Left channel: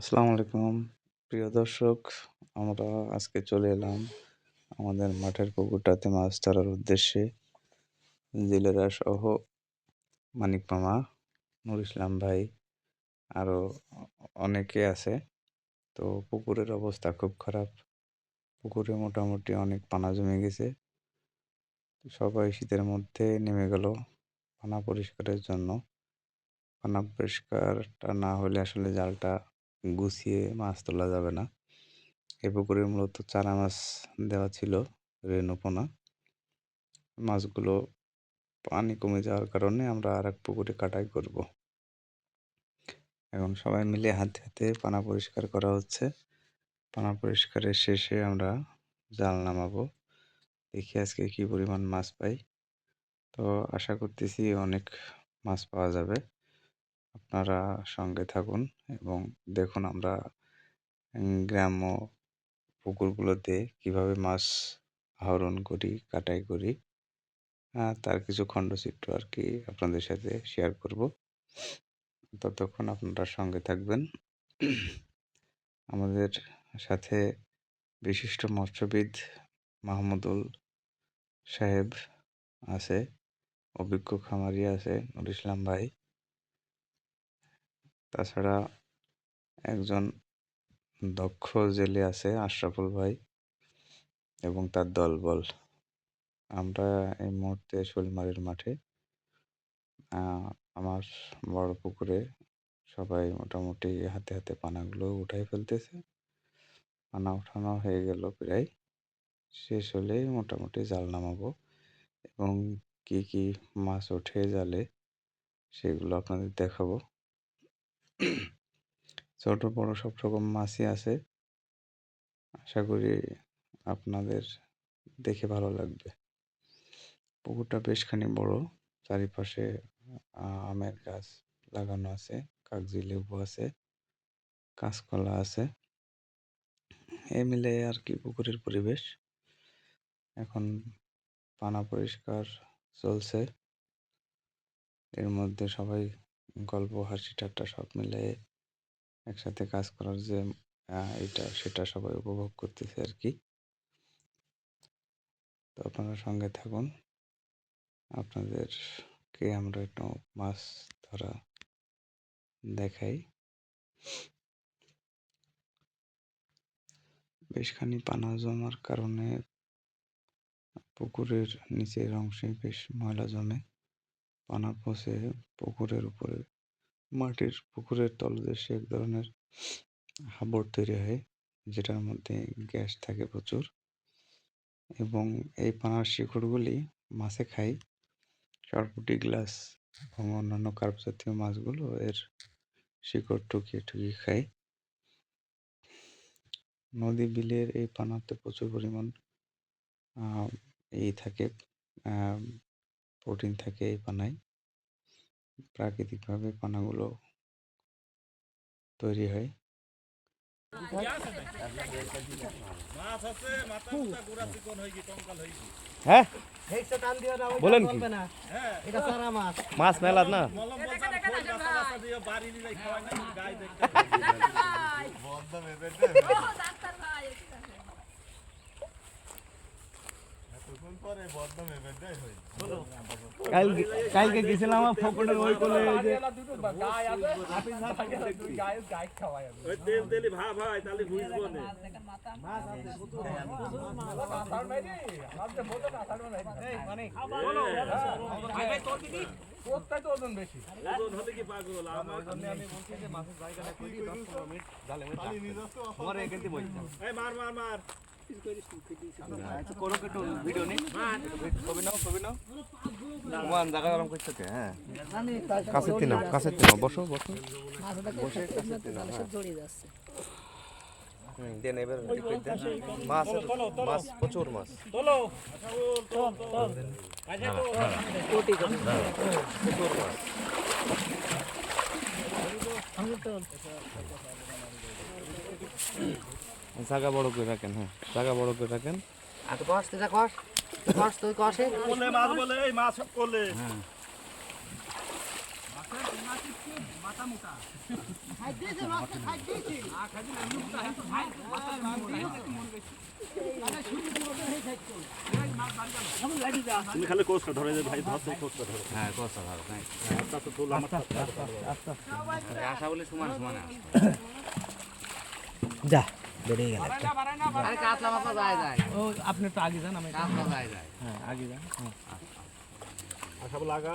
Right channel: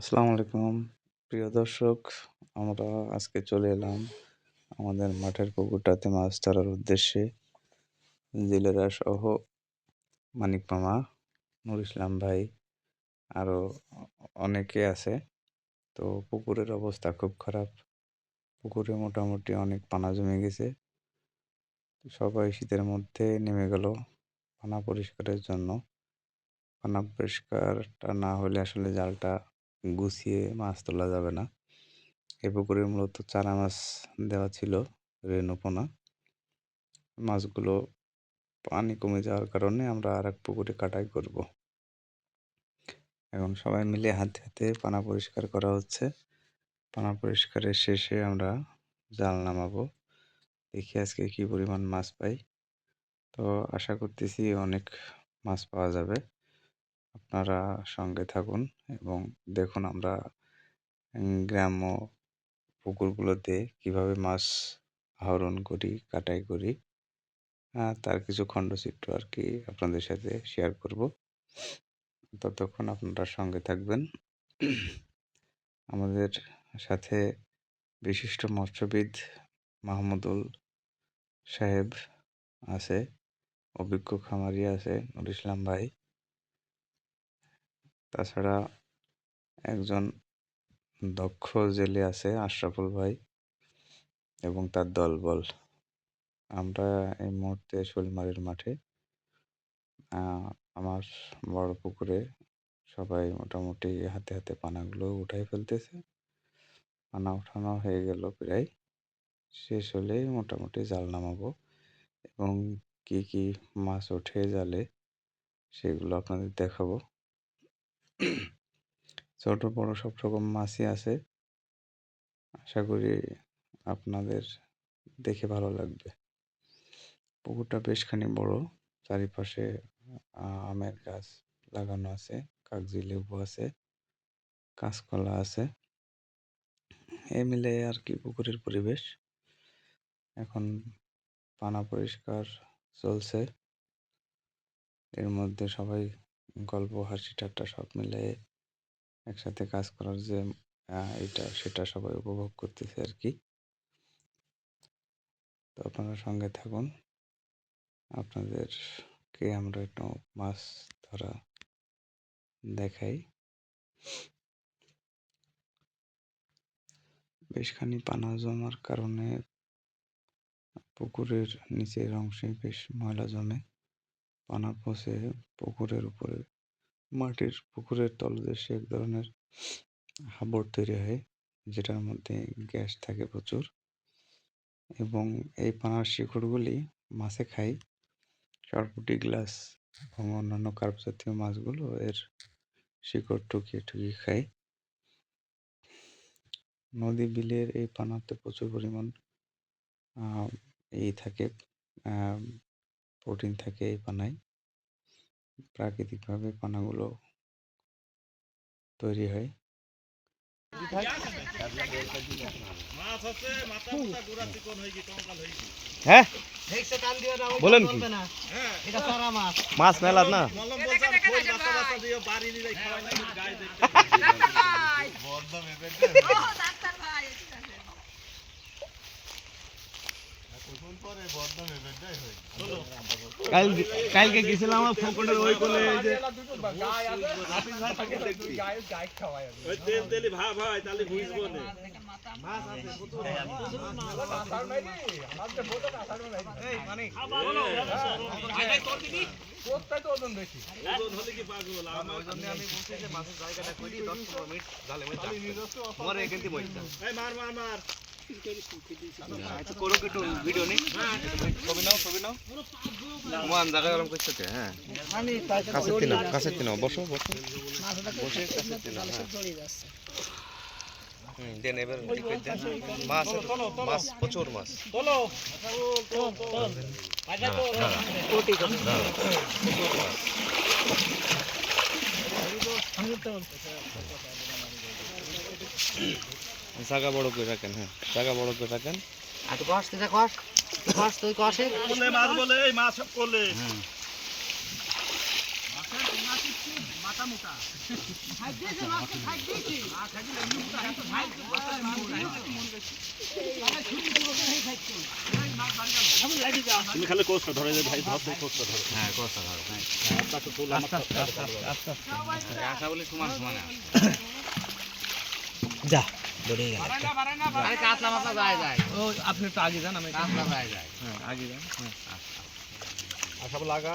আসসালামু আলাইকুম প্রিয় দর্শক, আমরা আজকে চলে এলাম আমাদের মাঠের পুকুরটাতে মাছ ধরার উদ্দেশ্যে। জেলেরা সহ মানিক মামা, নুর ইসলাম ভাই, আরও অনেকে আছে। তো পুকুরের অবস্থা খুব খারাপ। পুকুরে মোটামুটি অনেক পানা জমে গেছে। সবাই শীতের মধ্যে নেমে গেল পানা পরিষ্কারের জন্য। পানা পরিষ্কারটা না হলে আসলে জালটা গুছিয়ে মাছ তোলা যাবে না। এই পুকুরে মূলত চারা মাছ দেওয়া ছিল, রেনু পোনা। মাছগুলো পানি কমে যাওয়ার কারণে আমরা আর এক পুকুরে কাটাই করব। এখন সবাই মিলে হাতে হাতে পানা পরিষ্কার করা হচ্ছে। পানা পরিষ্কারের শেষে আমরা জাল নামাবো। দেখি আজকে কি পরিমাণ মাছ পাই। তো আশা করতেছি অনেক মাছ পাওয়া যাবে। আপনারা সঙ্গে থাকুন এবং দেখুন আমরা গ্রাম্য পুকুরগুলোতে কিভাবে মাছ আহরণ করি, কাটাই করি। তার কিছু খণ্ডচিত্র আর কি আপনাদের সাথে শেয়ার করব। ততক্ষণ আপনারা সঙ্গে থাকবেন। আমাদের সাথে বিশিষ্ট মৎস্যবিদ মাহমুদুল সাহেব আছে, অভিজ্ঞ খামারি আছে নুর ইসলাম ভাই, তাছাড়া একজন দক্ষ জেলে আছে আশরাফুল ভাই এবং তার দলবল। আমরা এই মুহূর্তে শোলমারির মাঠে। আমার বড় পুকুরে সবাই মোটামুটি হাতে হাতে পানাগুলো উঠাই ফেলতেছে। পানা উঠানো হয়ে গেল প্রায়, শেষ হলেই মোটামুটি জাল নামাবো এবং কি কি মাছ ওঠে জালে সেগুলো আপনাদের দেখাবো। ছোট বড় সব রকম মাছই আছে। আশা করি আপনাদের দেখে ভালো লাগবে। পুকুরটা বেশখানি বড়, চারিপাশে আমের গাছ লাগানো আছে, কাগজি লেবু আছে, কাঁচকলা আছে। এই মিলে আর কি পুকুরের পরিবেশ। এখন পানা পরিষ্কার চলছে, এর মধ্যে সবাই গল্প হাসি ঠাট্টা সব মিলে একসাথে কাজ করার যে এটা সেটা সবাই উপভোগ করতেছে আর কি। তো আপনারা সঙ্গে থাকুন, আপনাদেরকে আমরা একটু মাছ ধরা দেখাই। বেশখানি পানা জমার কারণে পুকুরের নিচের অংশে বেশ ময়লা জমে। পানা পচে পুকুরের উপরে মাটির পুকুরের তলদেশে এক ধরনের হাবর তৈরি হয়, যেটার মধ্যে গ্যাস থাকে প্রচুর, এবং এই পানার শিকড়গুলি মাছে খায়। সরপুঁটি, গ্লাস এবং অন্যান্য কার্প জাতীয় মাছগুলো এর শিকড় টুকিয়ে টুকিয়ে খায়। নদী বিলের এই পানাতে প্রচুর পরিমাণ থাকে, প্রোটিন থাকে এই পানায়। প্রাকৃতিকভাবে পানাগুলো তৈরি হয়। হ্যাঁ বলেন কি মাছ মেলা না কালকে গেছিলাম ফকটের ওই কোলে যে ভিডিও নেই ছবি নাও জায়গা গরম করছে। হ্যাঁ কাছে তিন বসো বসে কাছে তিন। দেন এবার মাছ প্রচুর মাছ জায়গা বড় করে রাখেন। হ্যাঁ জায়গা বড় করে রাখেন। মাছ বলে এই মাছ সব করলে তুমি খালি কোচ ধরে যে ভাই ভাব কোচ ধরে হ্যাঁ কথা ভালো হ্যাঁ আশা বলি সমান সমান যা বেড়ে গেল আরে কাতলা মাথা যায় ও আপনি একটু আগে যান আমি কাতলা যায় হ্যাঁ আগে যান হ্যাঁ আশা লাগা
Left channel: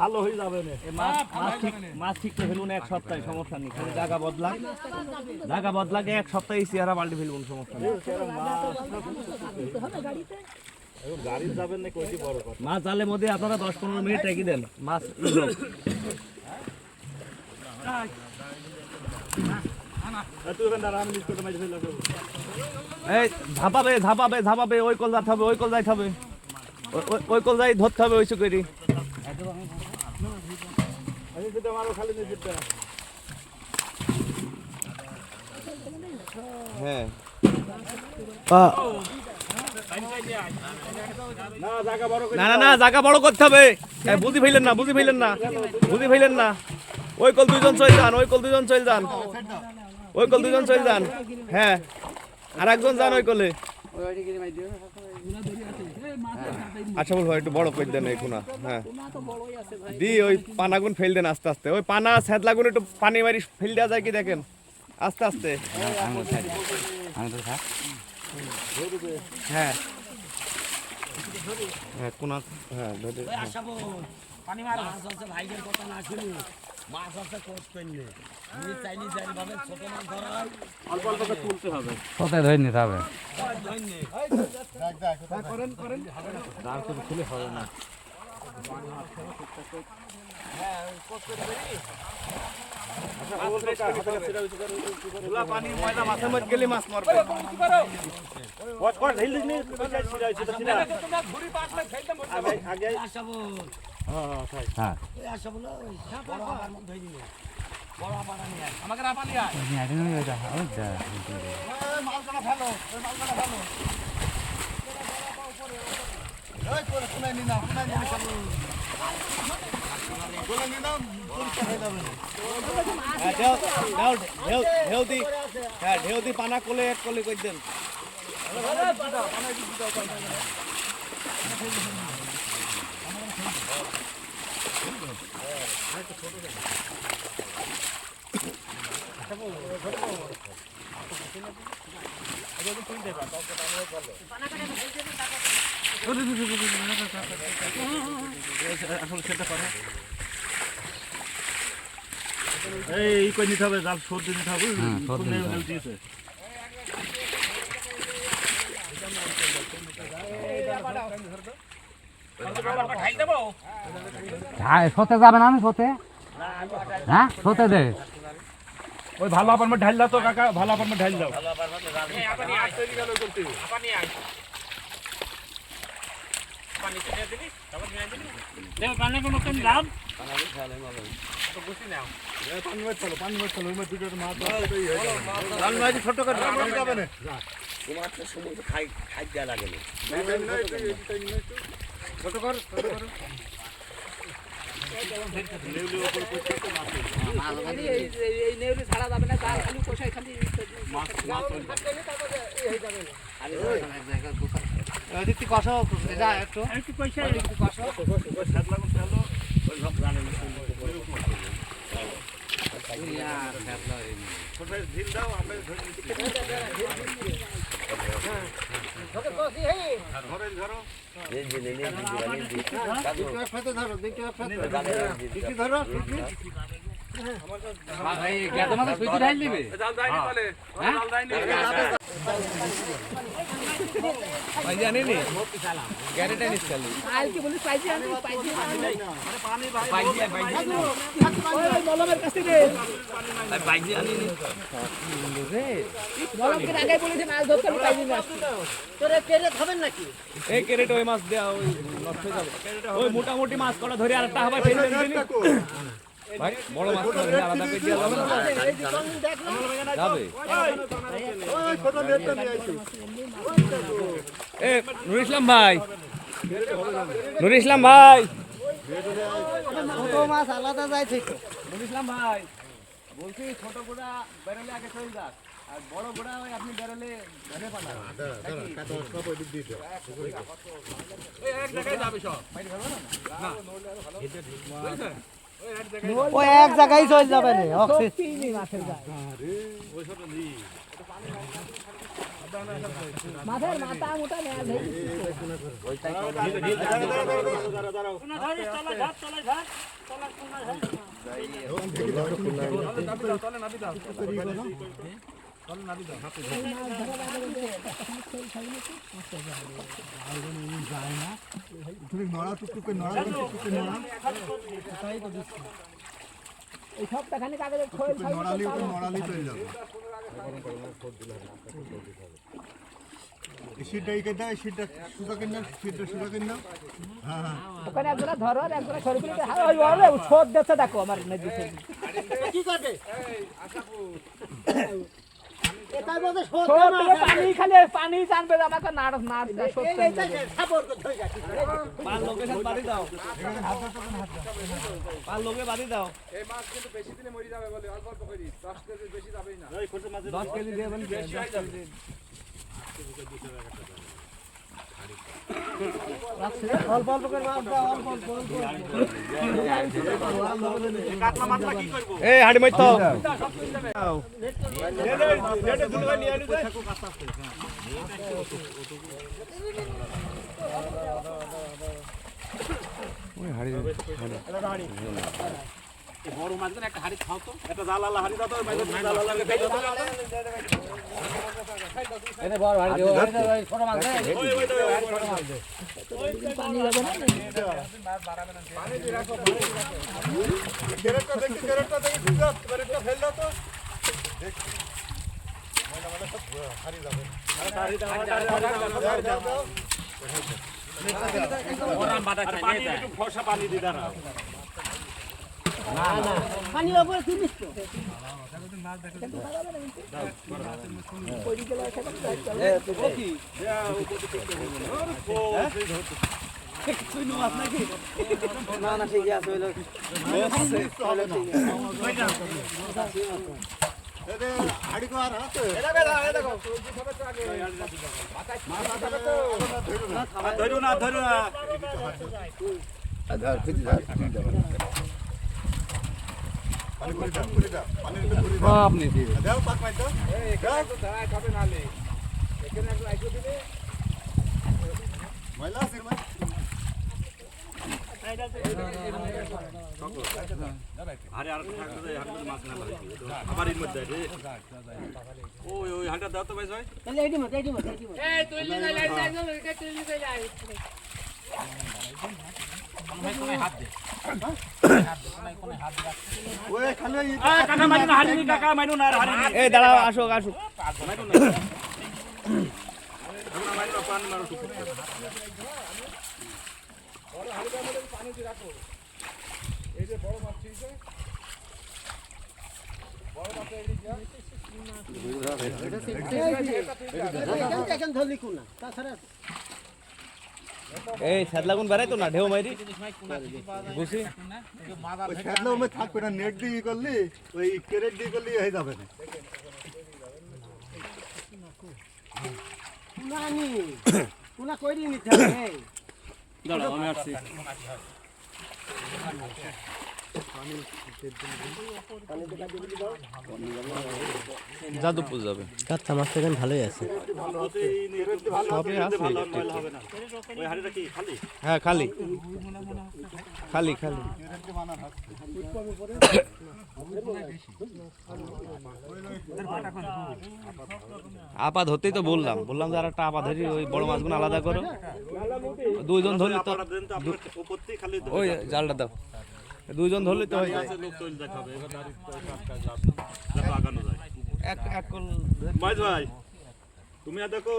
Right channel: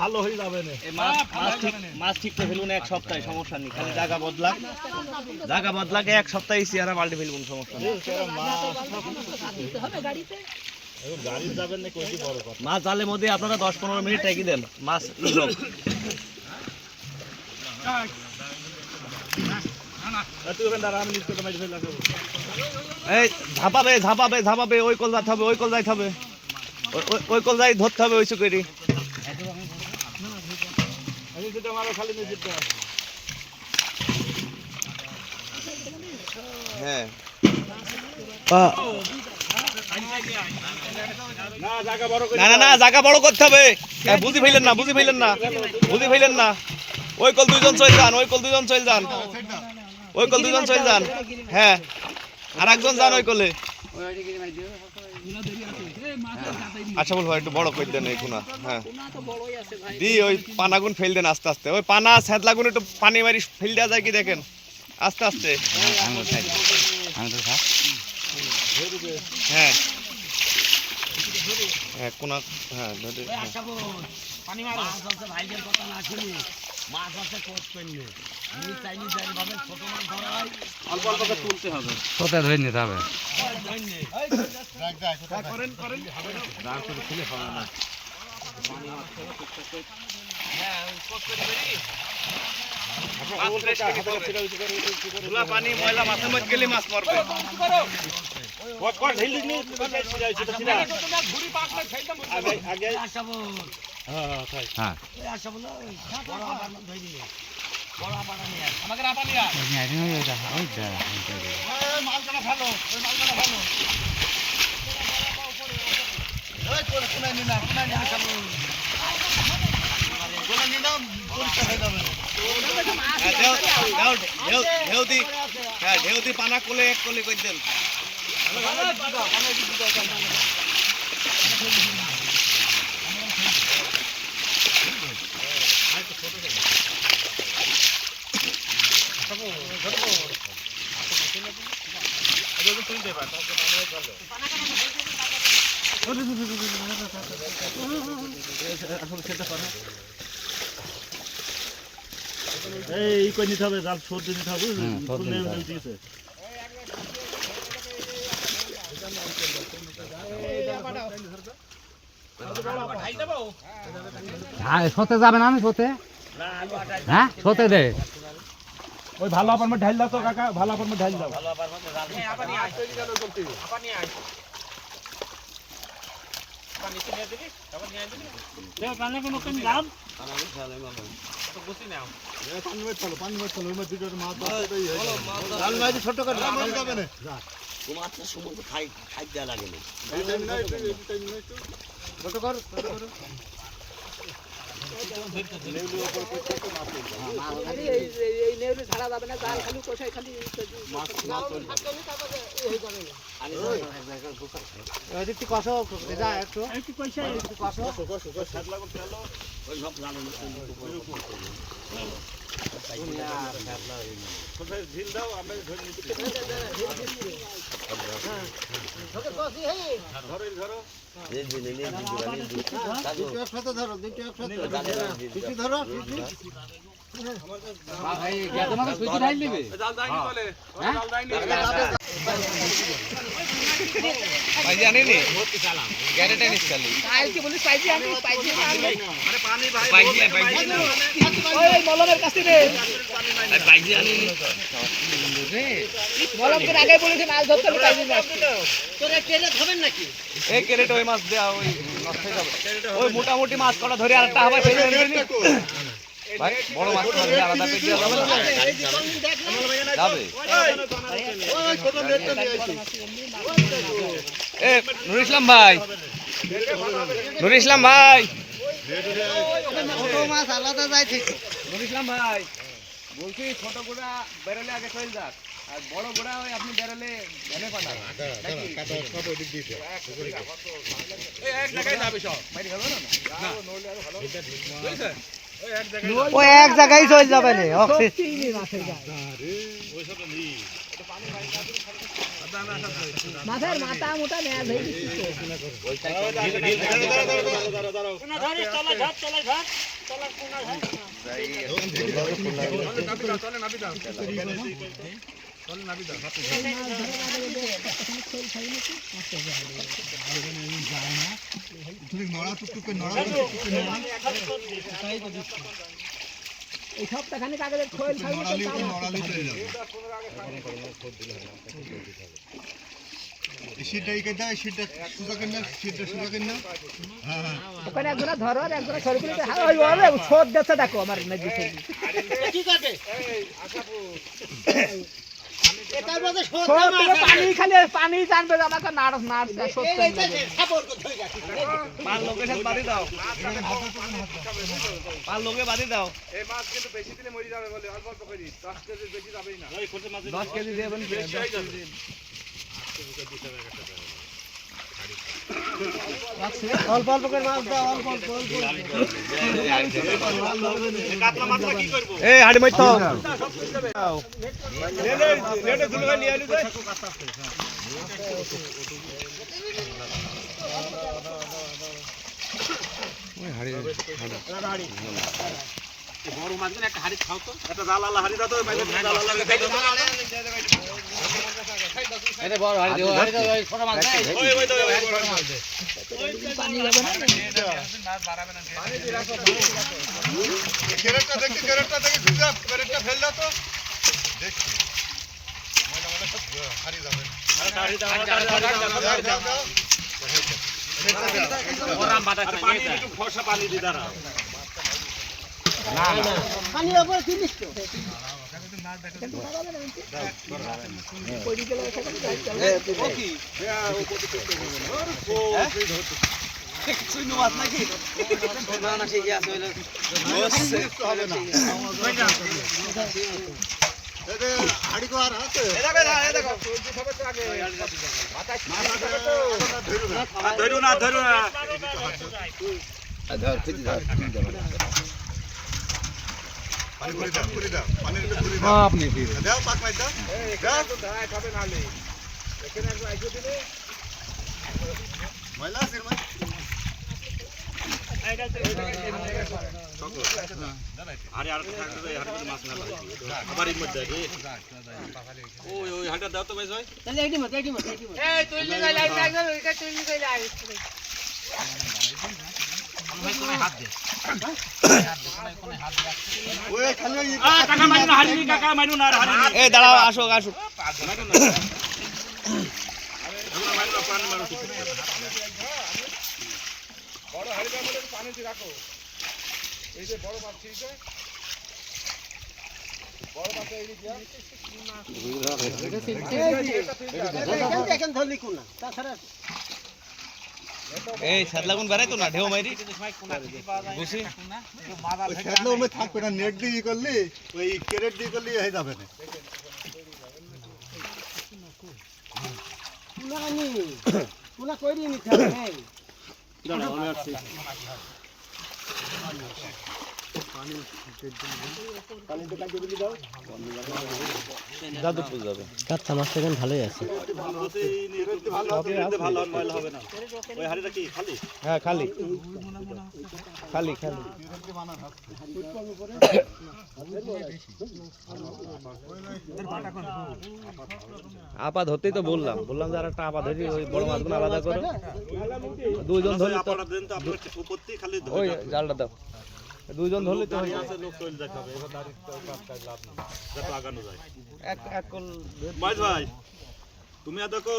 ভালো হয়ে যাবে না মাছ ঠিকতে ফেলুন এক সপ্তাহে সমস্যা নেই খালি জায়গা বদলাকে এক সপ্তাহে চেহারা পাল্টে ফেলুন সমস্যা নেই গাড়ি যাবেন না কোটি বড় কথা মাছ জালের মধ্যে আপনারা 10-15 মিনিট রেখে দেন মাছ এই ঝাপাবে ওই কল যাতে হবে ওই কল যাইতে হবে ওই কল যাই ধরতে হবে ওইসব করি হ্যাঁ না জায়গা বড় করতে হবে বুঝি ফেলেন না ওই কল দুইজন চলে যান ওই কল দুইজন চলে যান হ্যাঁ আর একজন যান ওই কলে আচ্ছা বল ভাই একটু বড় করে দেন এই কোনা হ্যাঁ দি ওই পানাগুন ফেল দেন আস্তে আস্তে ওই পানা সেদলাগুন একটু পানি মারি ফেল দেওয়া যায় কি দেখেন আস্তে আস্তে হ্যাঁ হ্যাঁ কোনা হ্যাঁ ধরে পানি মার মাছ আছে ভাইদের কথা না শুনি মাছ আছে কোচ পেনলে আমি চাইনি জানি ভাবে ছোট মাছ ধরা হয় অল্প অল্প করে তুলতে হবে কোথা ধরে নিতে হবে করেন দাঁড় করে তুলে হবে না পানি ময়লা মাছ মত গেলে মাছ মারবে আগে আশাবো হ্যাঁ ওই আশাবো না বড় আবার ধরে দিলে বড় আবার নিয়ে আমাকে না পানি মালখানা ফেলো ওই মালখানা ফেলো ওই কোনায় নি না আশাবো কোনায় নি না পরিষ্কার হয়ে যাবে না ঢেউ দি পানা কোলে এক কোলে কই দেন এই কই নিতে হবে জাল সর্দি নিতে হবে দিয়েছে হ্যাঁ সতে যাবে না আমি সতে হ্যাঁ সতে দে ওই ভালো আপার মধ্যে ঢাল দাও তো কাকা ভালো আপার মধ্যে ঢাল দাও ছোট করে মোটামুটি মাছ করা ধরে আর একটা হাবাই ফেলে দেন ভাই বড় মাছ ধরে আলাদা করে দিয়ে যাবে এ নুরুল ইসলাম ভাই নুর ইসলাম ভাই, মাছ আলাদা যায় থেকে নুর ইসলাম ভাই, বলছি ছোট গোড়া বেরোলে আগে ফেল যাক, আর বড় গোড়া হয় আপনি বেরোলে ধনে পাতা এক জায়গায় যাবে সব। ও এক জায়গায় চলে যাবে রে মাথার মাথা মোটা নেয় সপ্তাহখানি কাগজের নড়ালি চলে যাবে শীতটা এই কেটে শীতটা সুতা কেন শীতটা সুতা কেন হ্যাঁ হ্যাঁ ওখানে একজনে ধরো একজনে সরে দিলে ওই ওলে ছোট দেখতে দেখো আমার নদী কি করবে এটার মধ্যে ছোট পানি খালি পানি জানবে আমাকে নাড় সাপোর্ট করতে হই যাচ্ছে পাল লোকে সাথে বাড়ি দাও, পাল লোকে বাড়ি দাও। এই মাছ কিন্তু বেশি দিনে মরে যাবে বলে অল্প অল্প করে 10 কেজি বেশি যাবেই না। এই ছোট মাছ 10 কেজি দেবেন বেশি হয়ে যাবে। অল্প অল্প করে মাছ দাও অল্প অল্প কাতলা মাছলা কি করব? এই হাড়ি মাইতো দাও। লেটে ধুলে নিয়ে আলু পয়সা কো কাটতে আছে। বড় মাছগুলো একটা হাড়ি খাও তো, একটা জালালা হাড়ি দাও তো, বাইরে জালালা খাই দাও। এটা বড় হাড়ি দেও, হাড়ি দাও, ছোট মাছ দেই। ওই ছোট মাছ দে। পানি যাবে না পানি দি রাখো। ক্যারেটটা দেখি খুঁজে ক্যারেটটা ফেল দাও তো দেখি ময়লা ময়লা সব হারিয়ে যাবে হাড়ি দাও, দাও দাও ওরাম বাটা খাই। পানি একটু ফর্সা পানি দি দাঁড়াও। পানির উপরে তিনিস তো হাড়ি কো আর হাতে ধরু না পানি করে দাও পানি একটু করে দাও আপনি দাও পাক মাই দাও ময়লা সিরমা আরে আর থাকতে দে, হাড়ি মধ্যে মাছ না লাগে আবার এর মধ্যে রে। ওই হাড়িটা দাও তো ভাই ভাই। তাহলে এইটি মত এই তুই লাগাই লাগবে ওইটা তুই লাগাই ওই খালি কাকা মাইনু না হাড়ি, কাকা মাইনু না হাড়ি। এই দাঁড়াও, আসো মাইনু না। আমরা মাইনু না পানি মারো ঠিক আছে। বড় হাড়িটার মধ্যে পানি দি রাখো। এই যে বড় মাছ ছিলছে, বড় মাছ এই দিয়া দেখেন ধরলি কোন তাছাড়া এই সাদলাগুন বেড়াই তো না ঢেউ মারি বুঝি ওই খেতলে ওমে থাকবে না নেট দিয়ে করলি ওই ক্যারেট দিয়ে করলি হয়ে যাবে না নানি কোনা কইরি নিতে হবে যাদবপুর যাবে। কাঁচা মাছ এখন ভালোই আছে। ওই হাড়িটা কি খালি? হ্যাঁ খালি খালি খালি আপা ধরতেই তো বললাম যে আর একটা আপা ধরি ওই বড় মাছগুলো আলাদা করো, দুইজন ধরলে তো উপরতেই খালি ওই জালটা দাও, দুইজন ধরলে তো হয়ে যায়। লোক চলে যেতে হবে, এবার দাঁড়িয়ে যত আগানো যায়। এক কল মাইজ ভাই, তুমি আর দেখো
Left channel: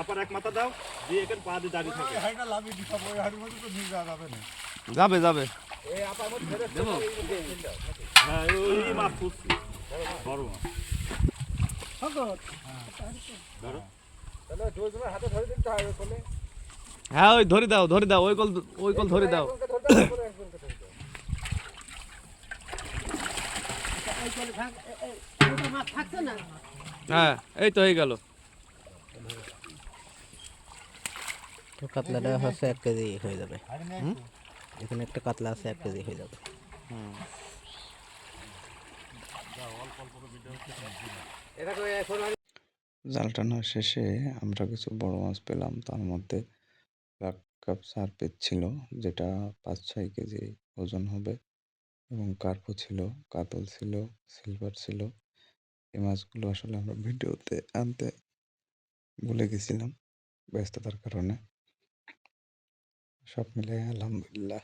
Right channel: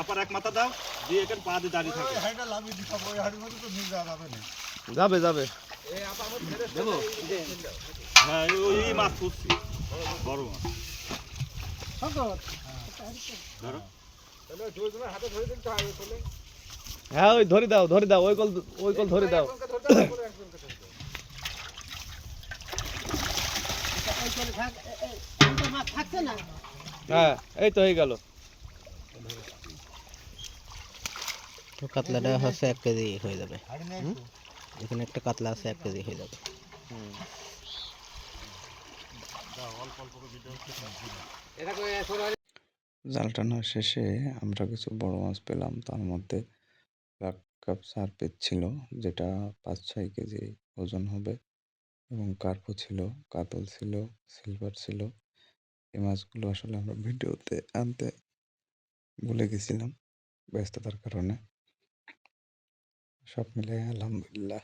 আপার এক মাথা দাও দিয়ে এখানে পা দিয়ে দাঁড়িয়ে থাকে। হাড়িটা লাভিয়ে দিতে হবে ওই হাড়ির মধ্যে তো নিয়ে যাওয়া যাবে না যাবে যাবে দেবো? হ্যাঁ ওই মাছ খুঁজছি, বড় মাছ। ধরো। হ্যাঁ ওই ধরে দাও ওই কল ধরে দাও। থাকছে না হ্যাঁ এই তো হয়ে গেল। তো কাতলাটা হচ্ছে 1 কেজি হয়ে যাবে। এখানে একটা কাতলা আছে 1 কেজি হয়ে যাবে। জাল টানা শেষে আমরা কিছু বড় মাছ পেলাম, তার মধ্যে ব্ল্যাক কাপ সারপিস ছিল, যেটা 5-6 কেজি ওজন হবে, এবং কার্পো ছিল, কাতল ছিল, সিলভার ছিল। এই মাছগুলো আসলে আমরা ভিডিওতে আনতে ভুলে গেছিলাম ব্যস্ততার কারণে। সব মিলে আলহামদুলিল্লাহ